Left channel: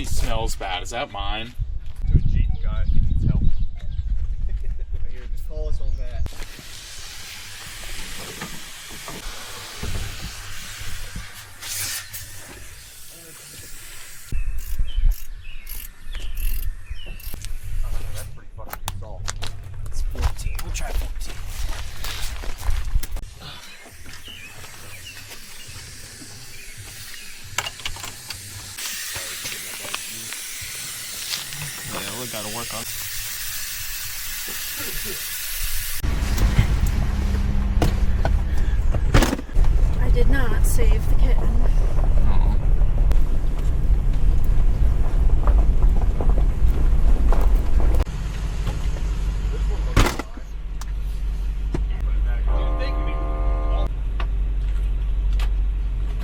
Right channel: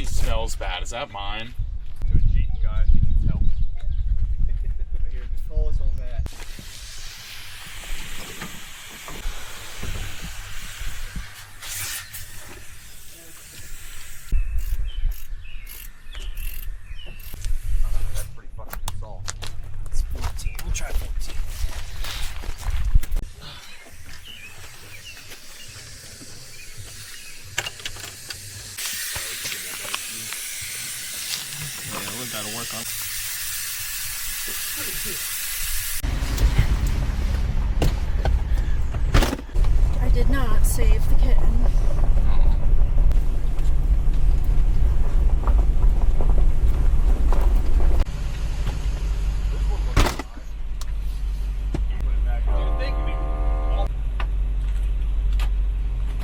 he smells bad. Is that mine? Here, just follow us on that. That's pretty fucking soft. It's 14. We'll try 14. Yeah, we gotta work on. I did not save the kitten.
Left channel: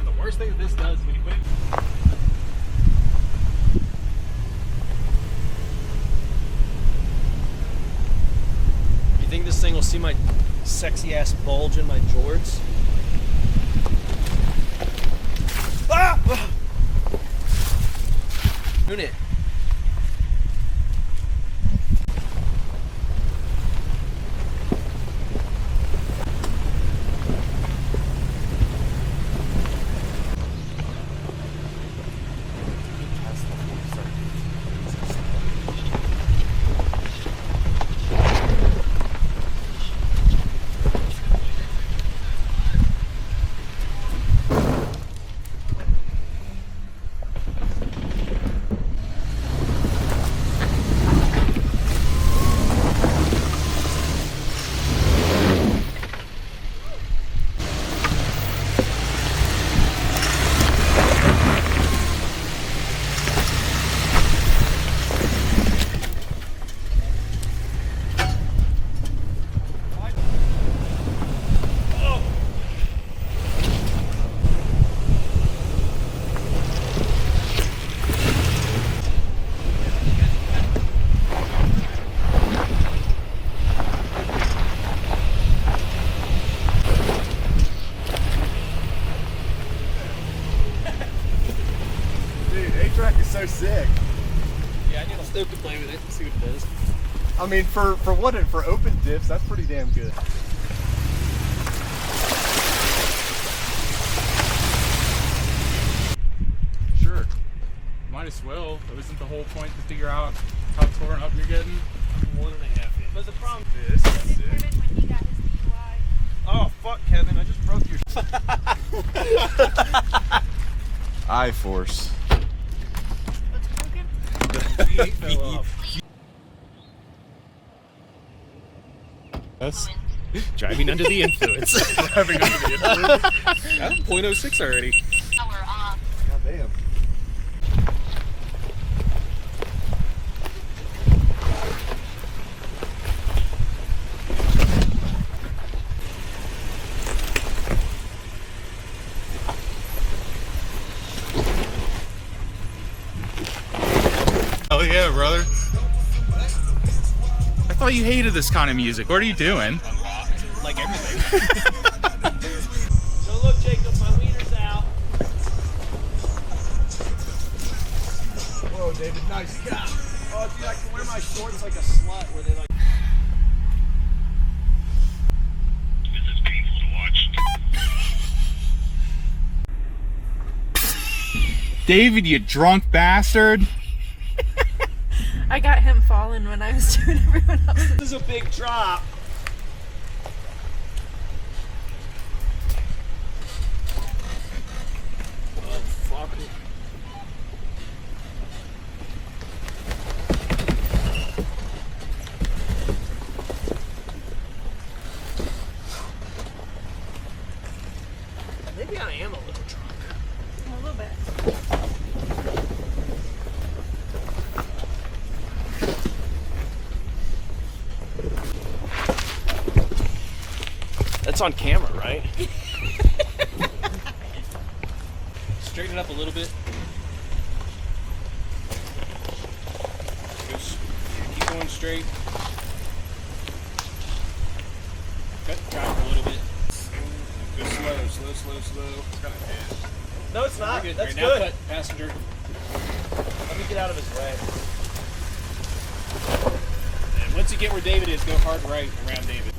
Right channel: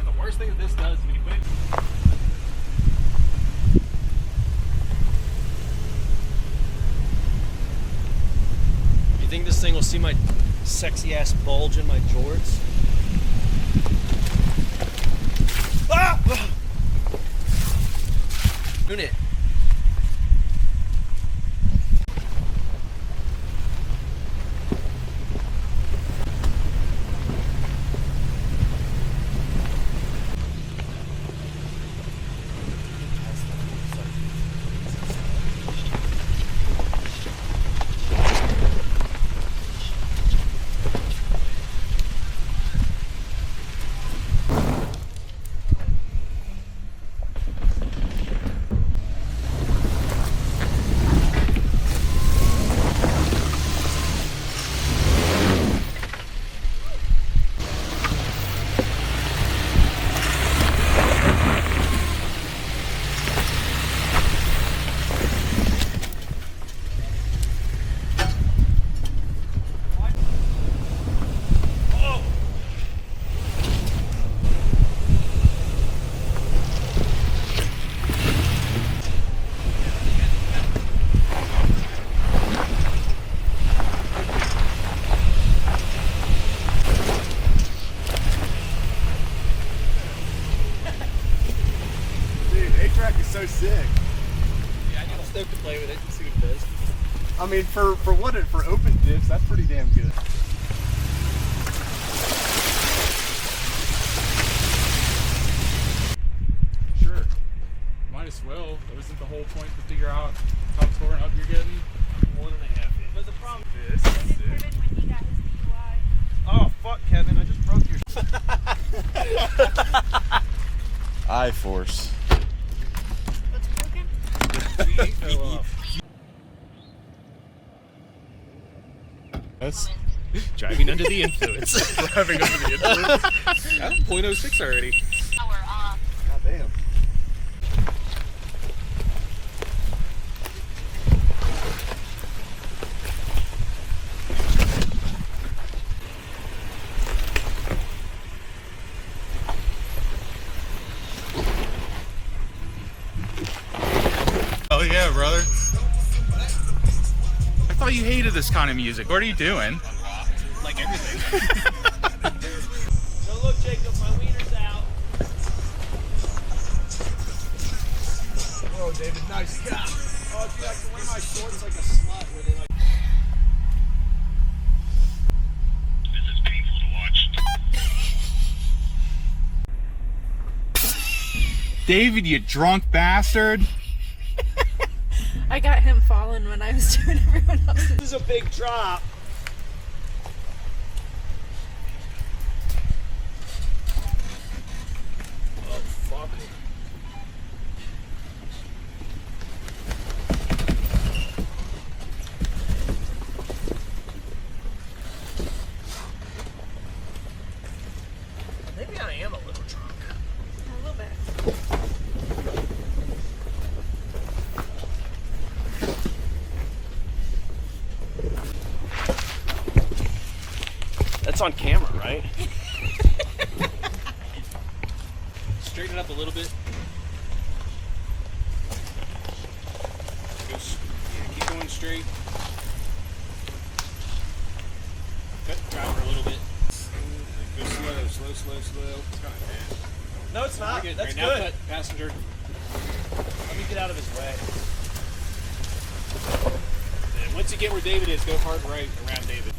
The worst thing this does is when you put it. You think this thing will see my sexy ass bulge in my jorts? Ah! Who knew? A-track is so sick. Yeah, I think I'll still play with it and see what it does. I mean, for open dips, that's pretty damn good. Sure. Might as well. Isn't the whole point to figure out how torn up you're getting? I'm more than happy. But the problem This is sick. Oh, fuck, Kevin. I just broke your... I-force. That's driving under the influence. Driving under the influence. I'm 0.06 already. God damn. oh yeah, brother. I thought you hated this kind of music. What are you doing? Like everything. So look, Jacob, my wiener's out. Whoa, David, nice stop. Oh, dude, I can wear my shorts like a slut where they like... This is painful to watch. David, you drunk bastard. I got him falling when I was doing everyone else. This is a big drop. Oh, fuck me. Maybe I am a little drunk. A little bit. It's on camera, right? Straighten it up a little bit. Just keep going straight. Cut the cow a little bit. Go slow. Kind of dead. No, it's not. That's Right, now good. cut, passenger. Let me get out of his way. And once you get where David is, go hard right around David.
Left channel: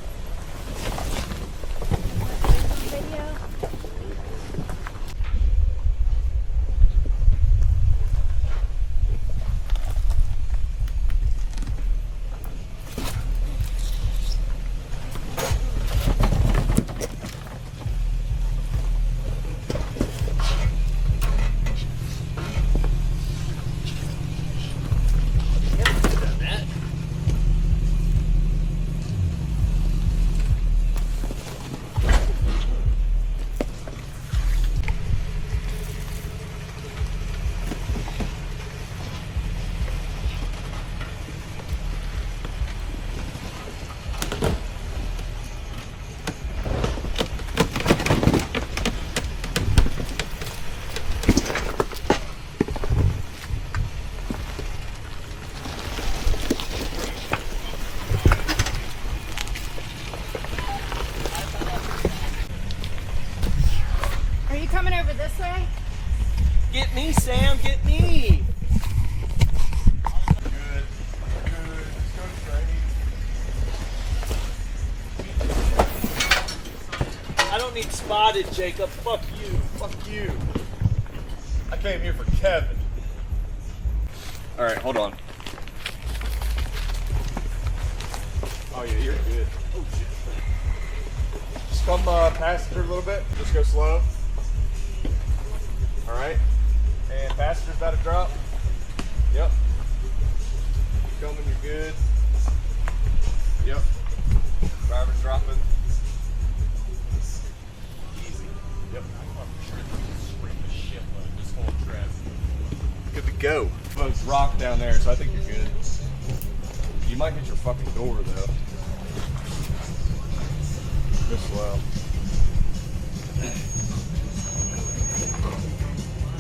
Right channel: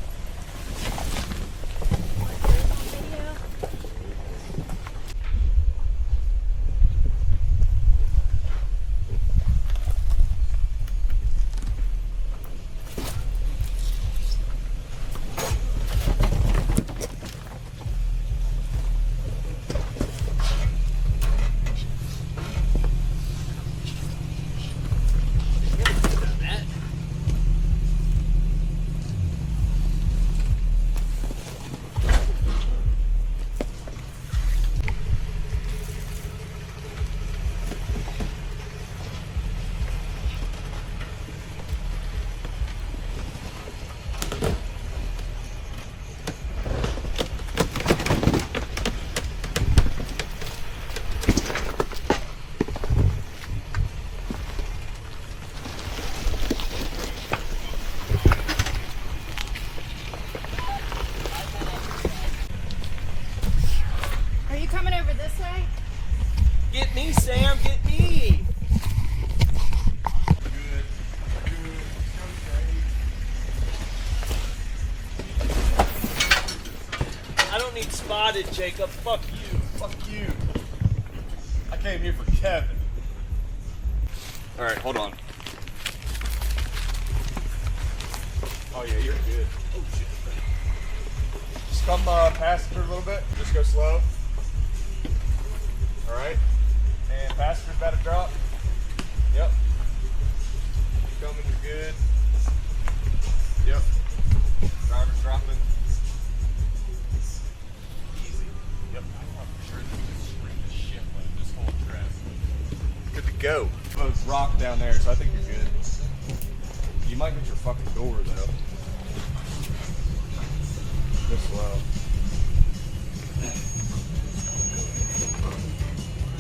Are you coming over this way? Get me, Sam, get me! Good. I don't need spotted, Jacob. Fuck you. Fuck you. I came here for Kevin. All right, hold on. Oh yeah, you're good. Oh shit. Just come past her a little bit. Just go slow. All right. And passenger's about to drop. Yep. Coming, you're good. Yep. Driver's dropping. Easy. Yep. I thought for sure that we could scream a shitload this whole trip. Good to go. Well, there's rock down there, so I think you're good. You might hit your fucking door though. Just well.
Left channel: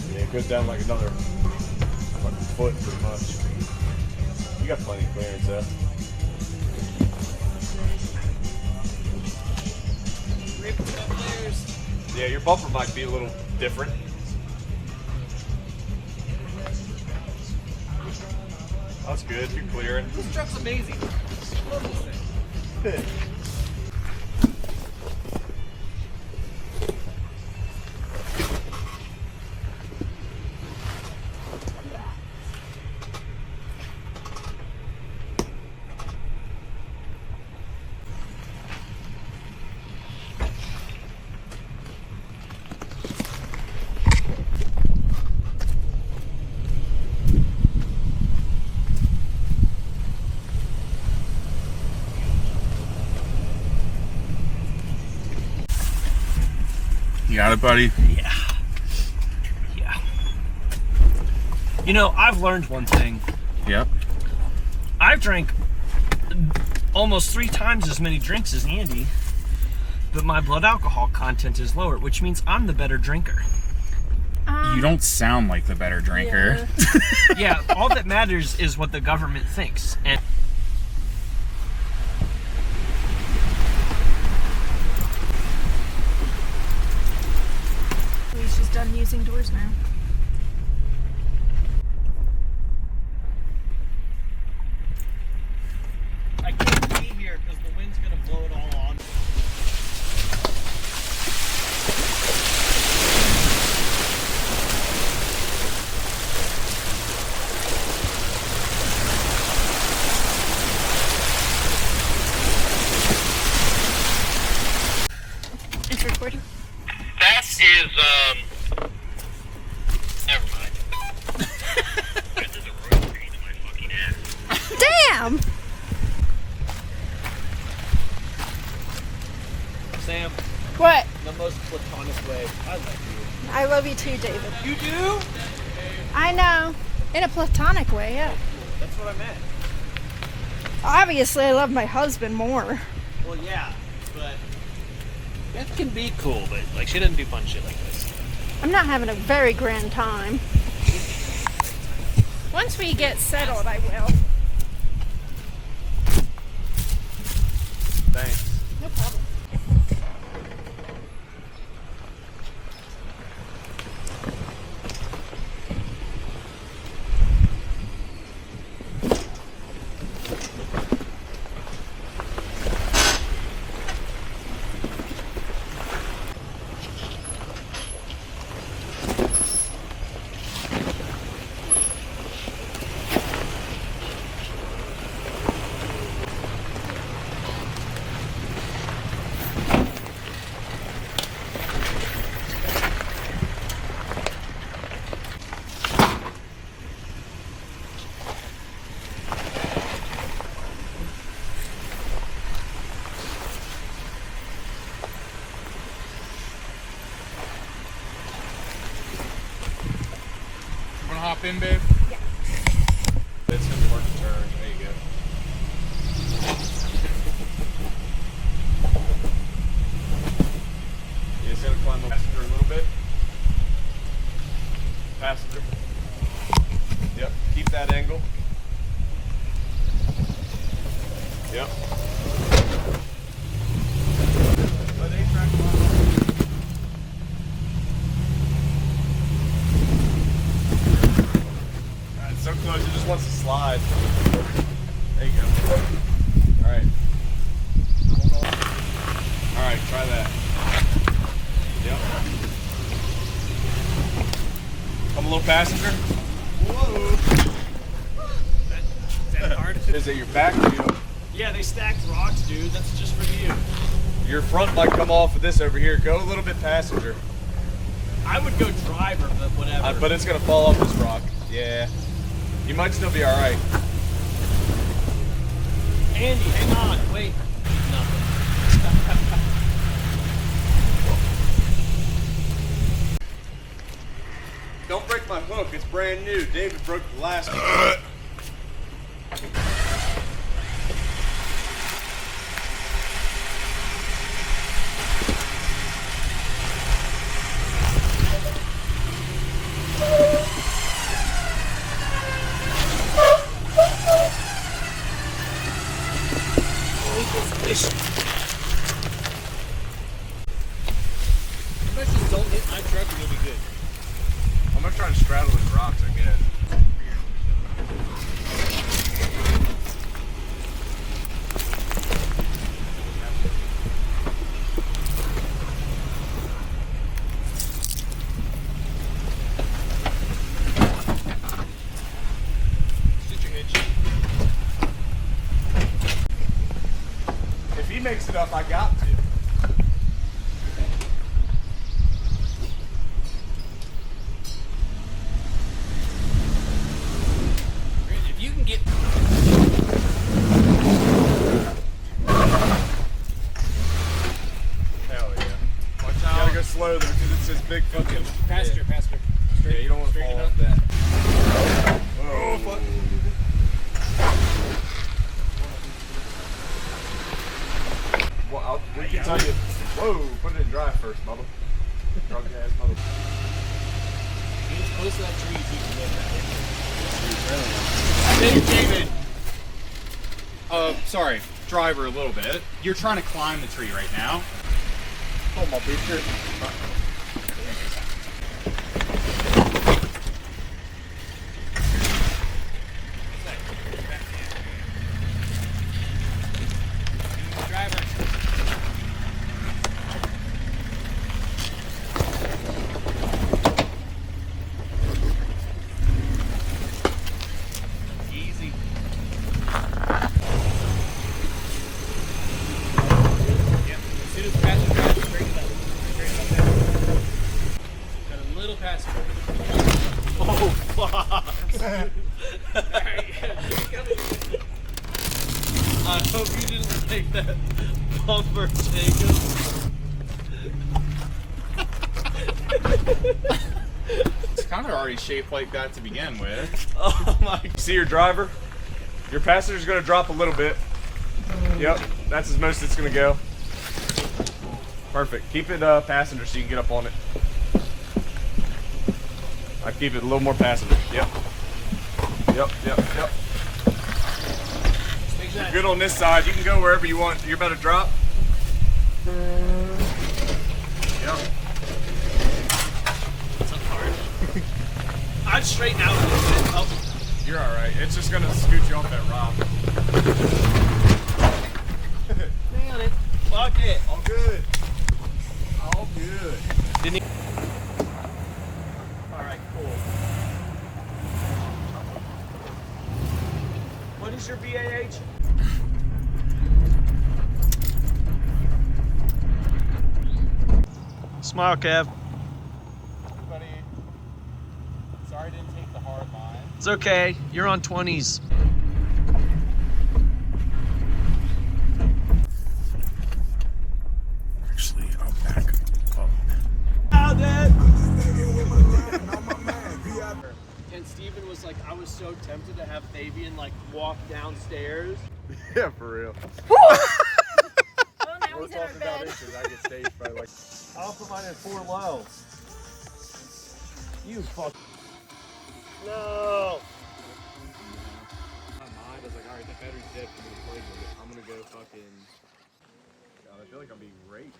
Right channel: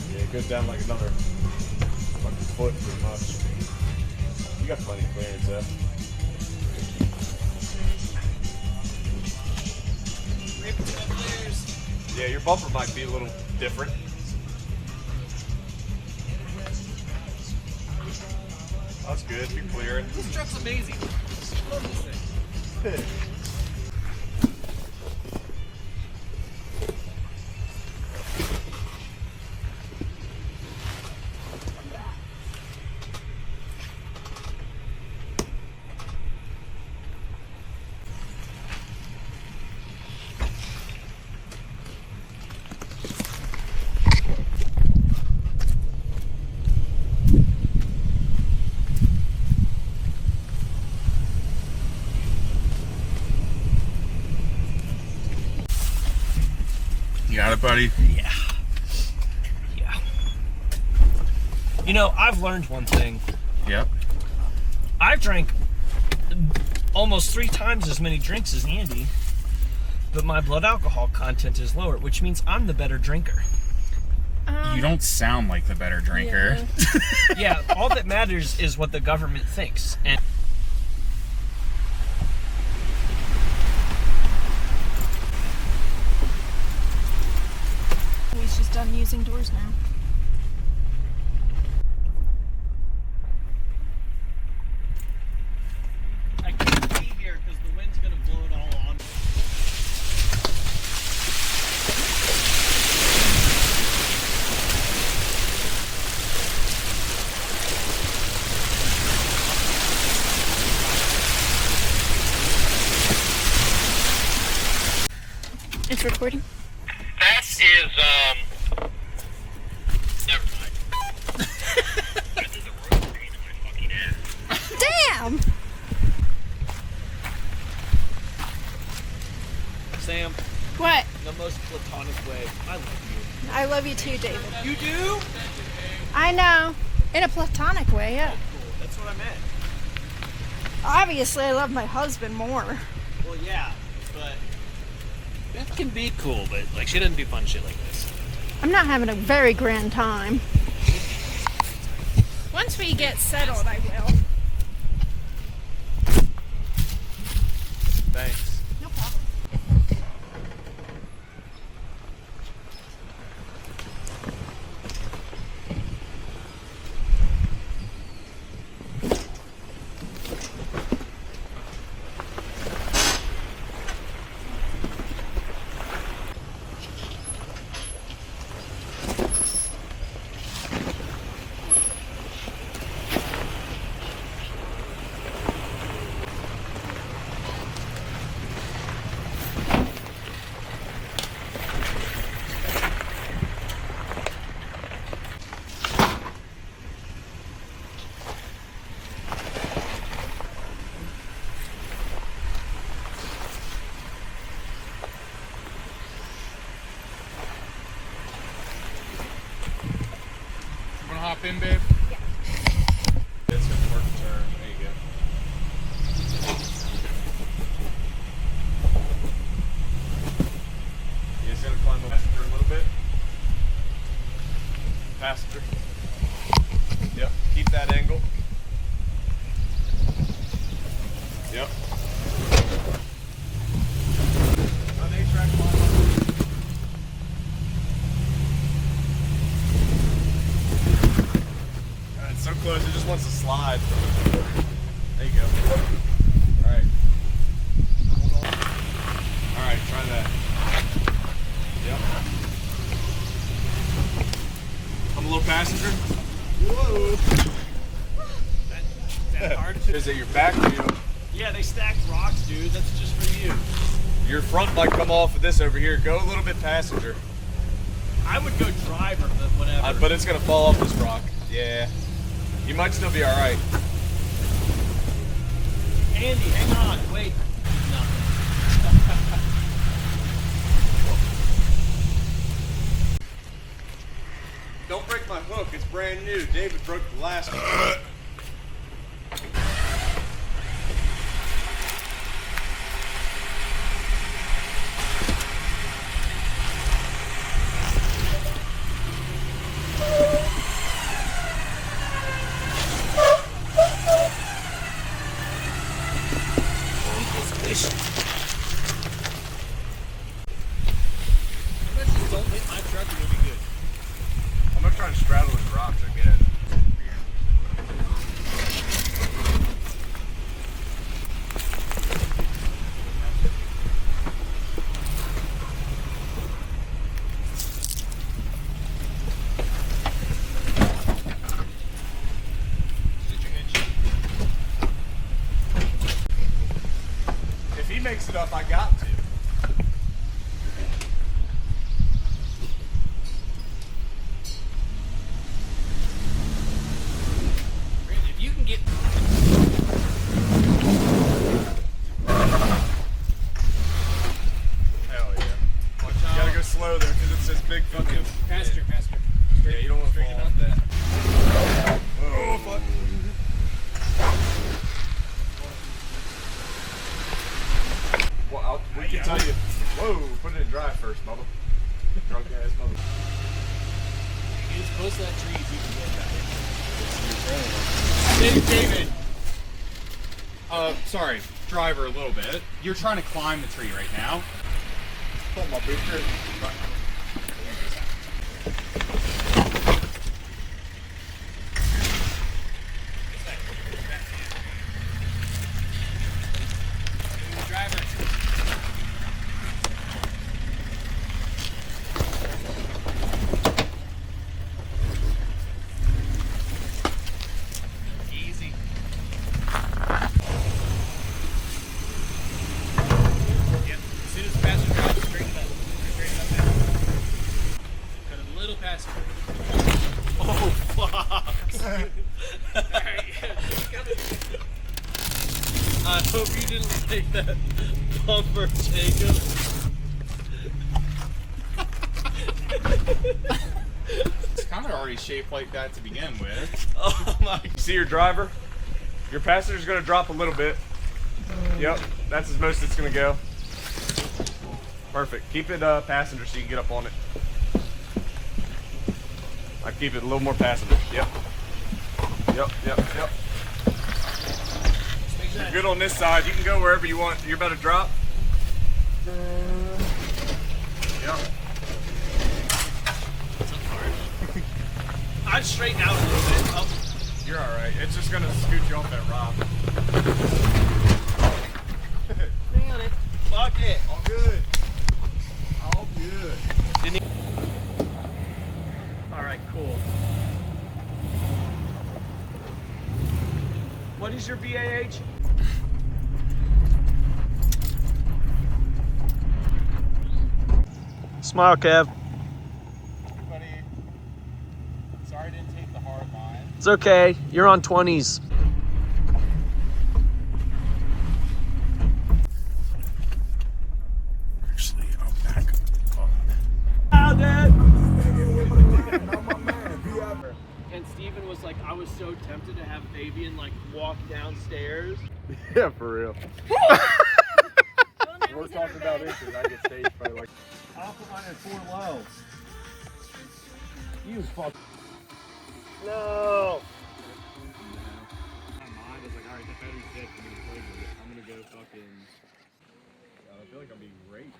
Yeah, it goes down like another fucking foot pretty much. You got plenty of clearance though. Yeah, your bumper might be a little different. That's good, you're clearing. This truck's amazing. You got it, buddy? Yeah. Yeah. You know, I've learned one thing. Yep. I've drank almost 3 times as many drinks as Andy, but my blood alcohol content is lower, which means I'm the better drinker. You don't sound like the better drinker. Yeah, all that matters is what the government thinks. And She's done using doors now. I couldn't be here because the wind's going to blow it all on. It's recording. That is, never mind. This is a road page in my fucking head. Damn! Sam, What? the most platonic way. I love you. I love you too, David. You do? I know. In a platonic way, yeah. Cool. That's what I meant. Obviously, I love my husband more. Well, yeah, but Beth can be cool, but like she doesn't do fun shit like this. I'm not having a very grand time. Once we get settled, I will. Thanks. No problem. in, babe? Yeah. This is work turn. There you go. You're just gonna climb the passenger a little bit. Passenger. Yep. Keep that angle. Yep. Alright, so close, he just wants to slide. There you go. Alright. Hold on. Alright, try that. Yep. Come a little passenger. Whoa. Is it your back or your... Yeah, they stacked rocks, dude. That's just for you. Your front might come off of this over here. Go a little bit passenger. I would go driver, but whatever. But it's going to fall off this rock. Yeah. You might still be alright. Andy, come on, wait. Nothing. Don't break my hook. It's brand new. David broke the last one. Pretty much just don't hit my truck and you'll be good. I'm going to try and scrabble with rocks again. If he makes it up, I got to. You can get. Hell yeah. Watch You gotta out. go slow there because it's a big fucking... Passenger. Yeah, you don't want to straighten fall up. off that. Oh, fuck. Well, we can tell you. Whoa, put it in dry first, Bubba. Drunk ass mother. Get as close to that tree as you can get. David. Sorry, driver a little bit. You're trying to climb the tree right now. Hold my beer. Easy. Got a little passenger. Oh, fuck. I hope you didn't take that bumper, Jacob. It's kind of already shaped like that to begin with. Oh my. See your driver? Your passenger's going to drop a little bit. Yep, that's as most it's going to go. Perfect. Keep it passenger so you can get up on it. I keep it a little more passenger. Yep. Yep. Take that. Good on this side. You can go wherever you want. You're about to drop. Yep. I'd straighten out. Oh, You're all right. It's just going to scoot you off that rock. got it. Fuck it. All good. All good. Alright, cool. What is your BAH? Smile, Kev. Buddy, sorry I didn't take the hard line. It's okay. You're on 20s. Actually, I'll back up. Found it! And Steven was so tempted to have Fabian like walk downstairs. Yeah, for real. Well, now We're he's in talking our about bed. inches. I get stage fright. Like, I'll put mine at 4 low. You fuck. No. my mind is like, all right, the battery's dead. I'm gonna play with it. I'm gonna go fucking. God, I feel like I'm being raped.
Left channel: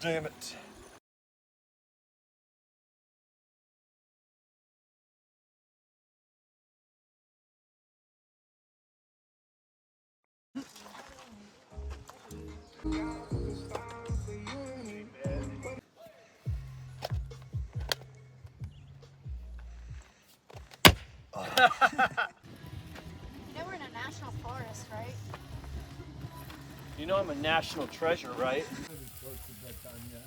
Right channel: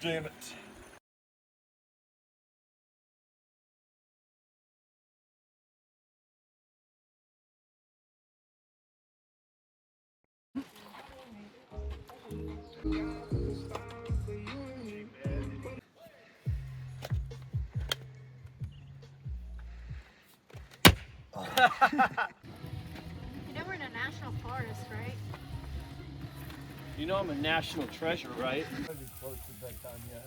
Damn it. You know we're in a national forest, right? You know I'm a national treasure, right? Close to bedtime yet.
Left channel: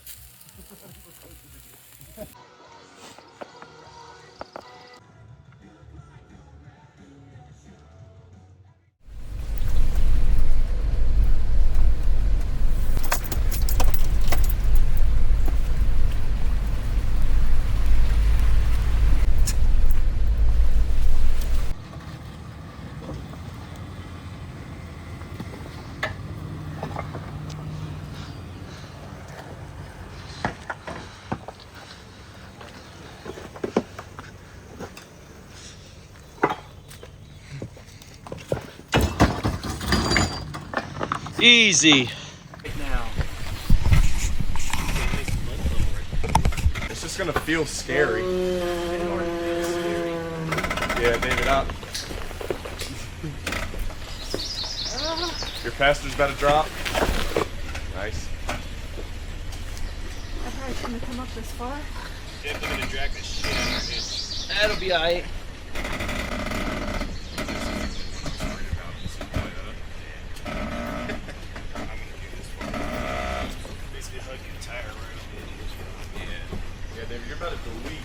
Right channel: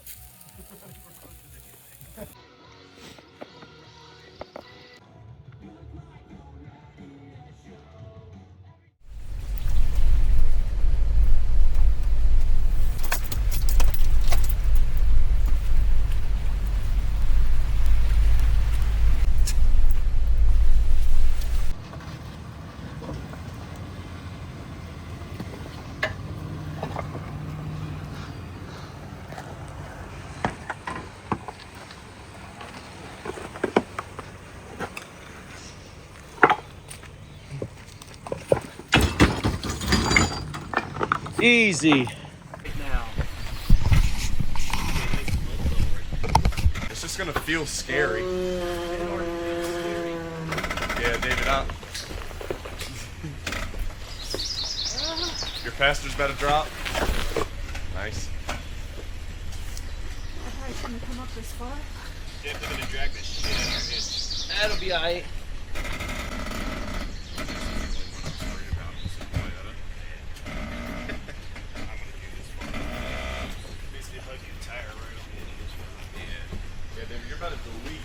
Easy. It's just gonna feel scary. Yeah, David, up. Your faster's about to drop. Nice. I probably shouldn't have come up this far. That'll be alright. Yeah, David, you're about to delete.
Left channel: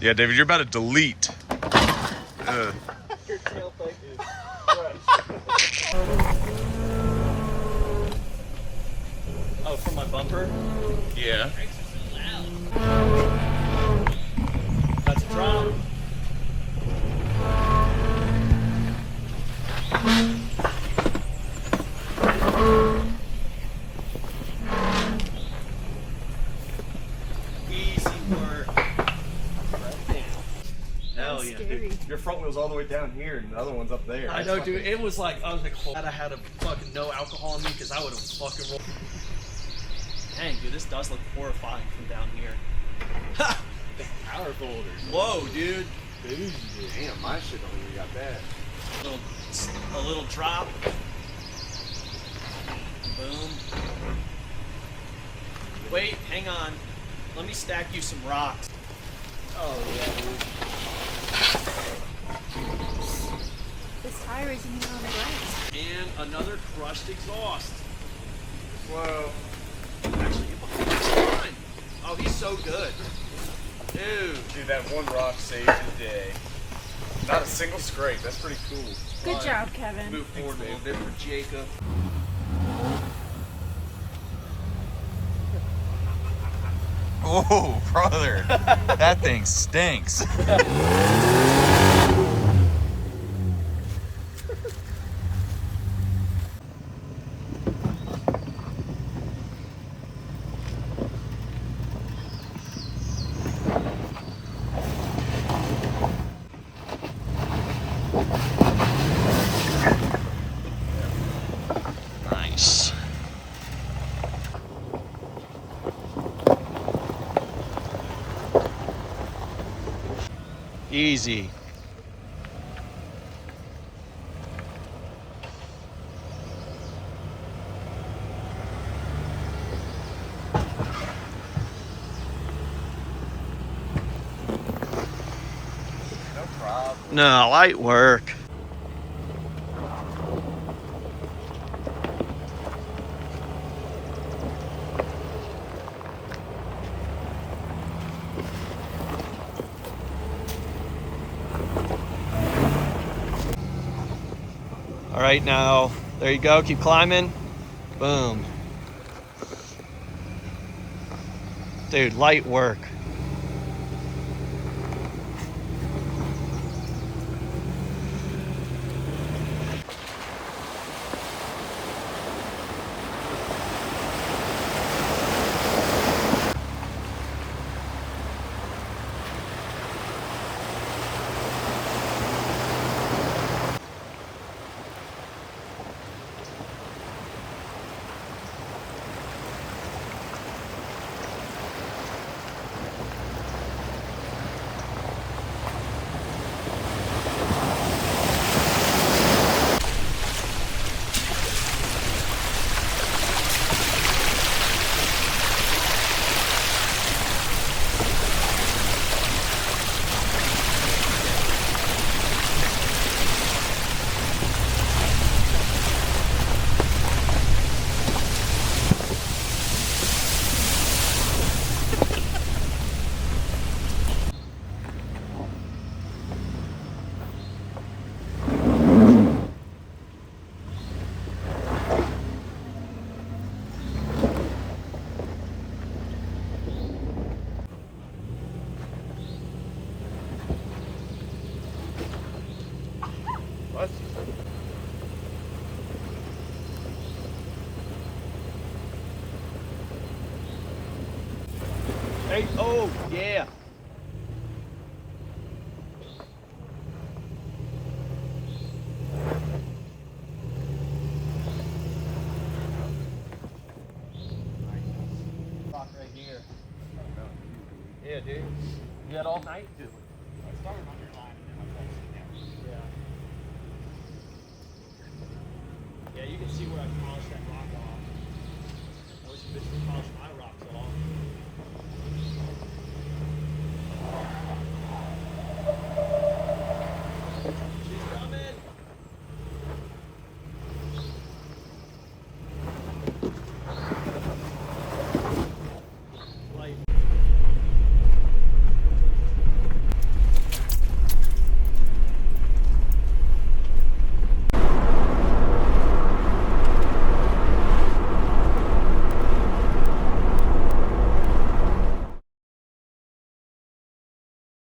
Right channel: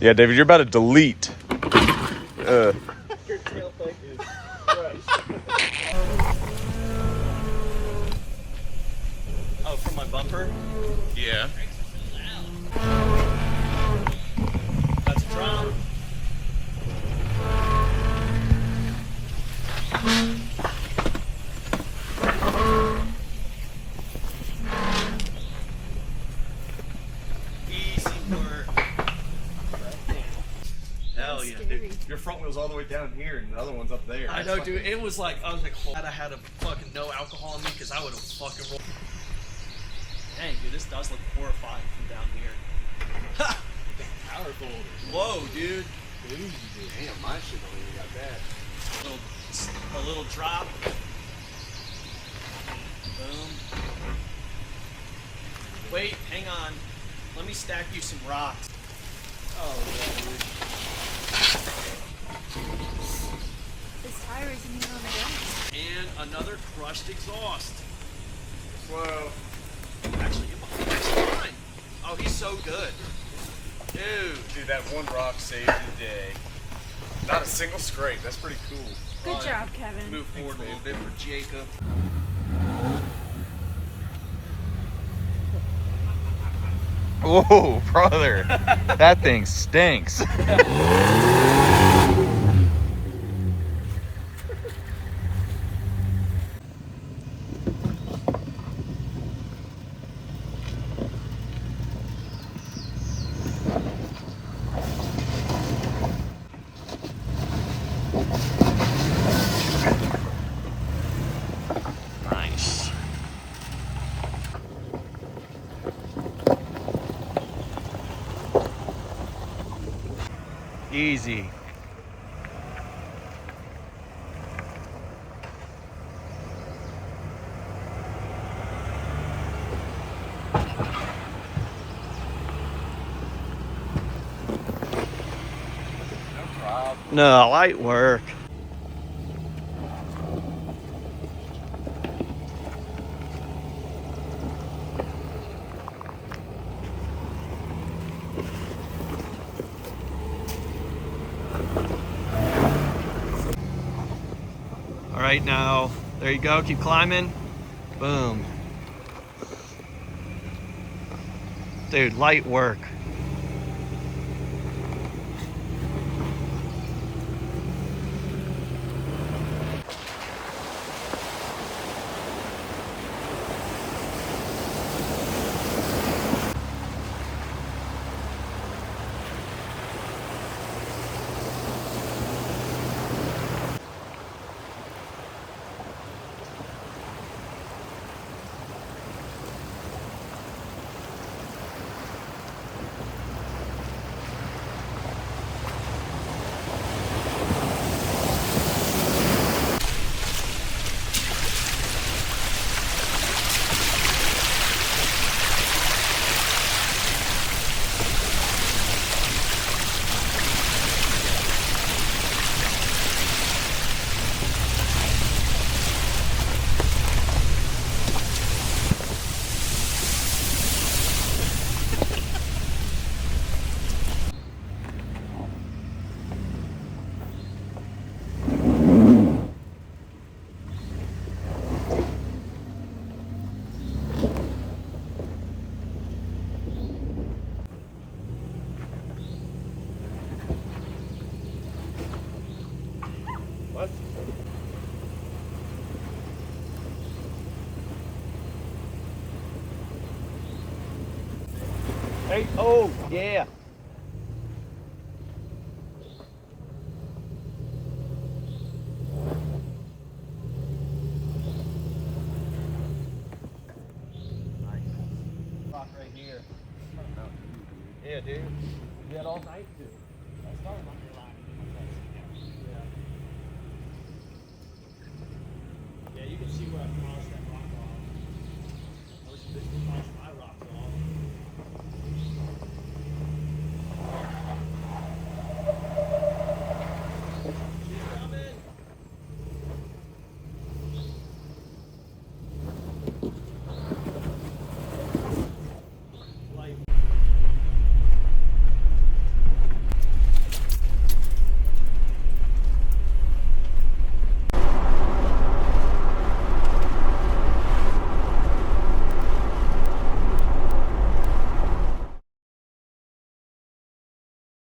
Yeah, David, you're about to delete. Oh, from my bumper? Yeah. About to drop. Easy work. Hell That's yeah. scary. Your front wheel's all the way down here, and the other one's up there. I know, dude. It was like, I was like, glad I had a fucking no alcohol in me because I would have fucking rolled. Dang, dude, this does look horrifying from down here. Ha! Power folders. Whoa, dude. Bougie, dude. Damn, my shit don't even got that. A little drop. Boom. Wait, hang on. Let me stack you some rocks. Oh yeah, dude. This tire isn't even on the ground. And another crushed exhaust. Whoa. Oh, he's so good. Dude, that one rock saves the day. Not a single scrape. That's pretty cool. Good job, Kevin. Move forward a little bit with Jacob. Whoa, brother. That thing stinks. Nice. Easy. No problem. No, light work. right now. There you go. Keep climbing. Boom. Dude, light work. Hey, oh, yeah. Rock right here. Yeah, dude. You had all night to do it.